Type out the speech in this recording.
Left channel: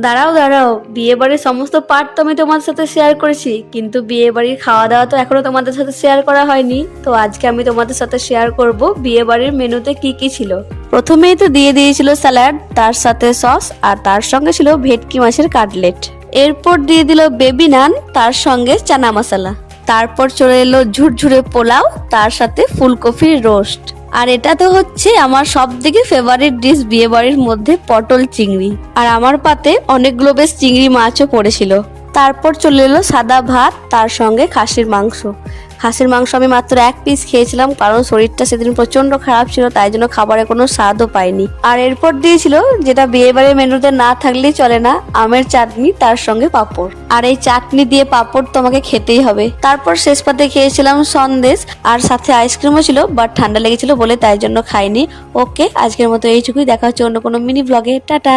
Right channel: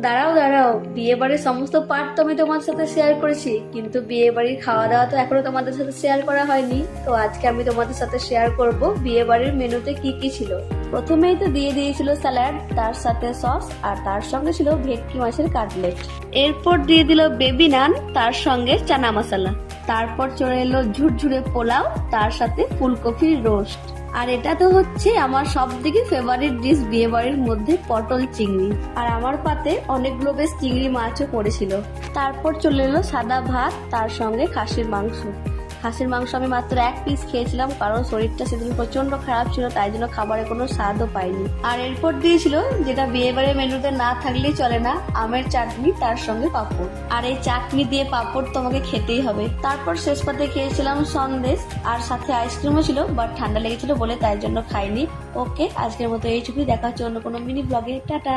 দাঁড়াও দাঁড়াও, বিয়ে বাড়ির সমস্ত পার্ট তো আমি তোমাদের সাথে শেয়ার করেছি, কিন্তু বিয়ে বাড়ির খাওয়া দাওয়া তো এখনো তোমাদের সাথে শেয়ার করা হয়নি। তো আজকে আমি তোমাদের সাথে শেয়ার করব বিয়ে বাড়ির মেনুতে কি কি ছিল। প্রথমেই তো দিয়ে দিয়েছিল স্যালাড, তার সাথে সস, আর তার সঙ্গে ছিল ভেটকি মাছের কাটলেট। এরপর দিয়ে দিল বেবি নান, তার সঙ্গে চানা মশলা। তারপর চলে এলো ঝুরঝুরে পোলাও, তার সাথে ফুলকপির রোস্ট। আর এটা তো হচ্ছে আমার সব থেকে ফেভারিট ডিশ বিয়ে বাড়ির মধ্যে, পটল চিংড়ি। আর আমার পাতে অনেকগুলো বেশ চিংড়ি মাছও পড়েছিল। তারপর চলে এলো সাদা ভাত, তার সঙ্গে খাসির মাংস। খাসির মাংস আমি মাত্র এক পিস খেয়েছিলাম, কারণ শরীরটা সেদিন প্রচন্ড খারাপ ছিল, তাই জন্য খাবারে কোনো স্বাদও পাইনি। আর এরপর দিয়েছিল, যেটা বিয়ে বাড়ির মেনুতে না থাকলেই চলে না, আমের চাটনি, তার সঙ্গে পাঁপড়। আর এই চাটনি দিয়ে পাঁপড় তোমাকে খেতেই হবে। তারপর শেষ পাতে খেয়েছিলাম সন্দেশ, আর সাথে আইসক্রিমও ছিল, বাট ঠান্ডা লেগেছিল বলে তাই জন্য খাইনি। ওকে, আজকের মতো এইটুকুই, দেখা হচ্ছে অন্য কোনো মিনি ব্লগে। টাটা।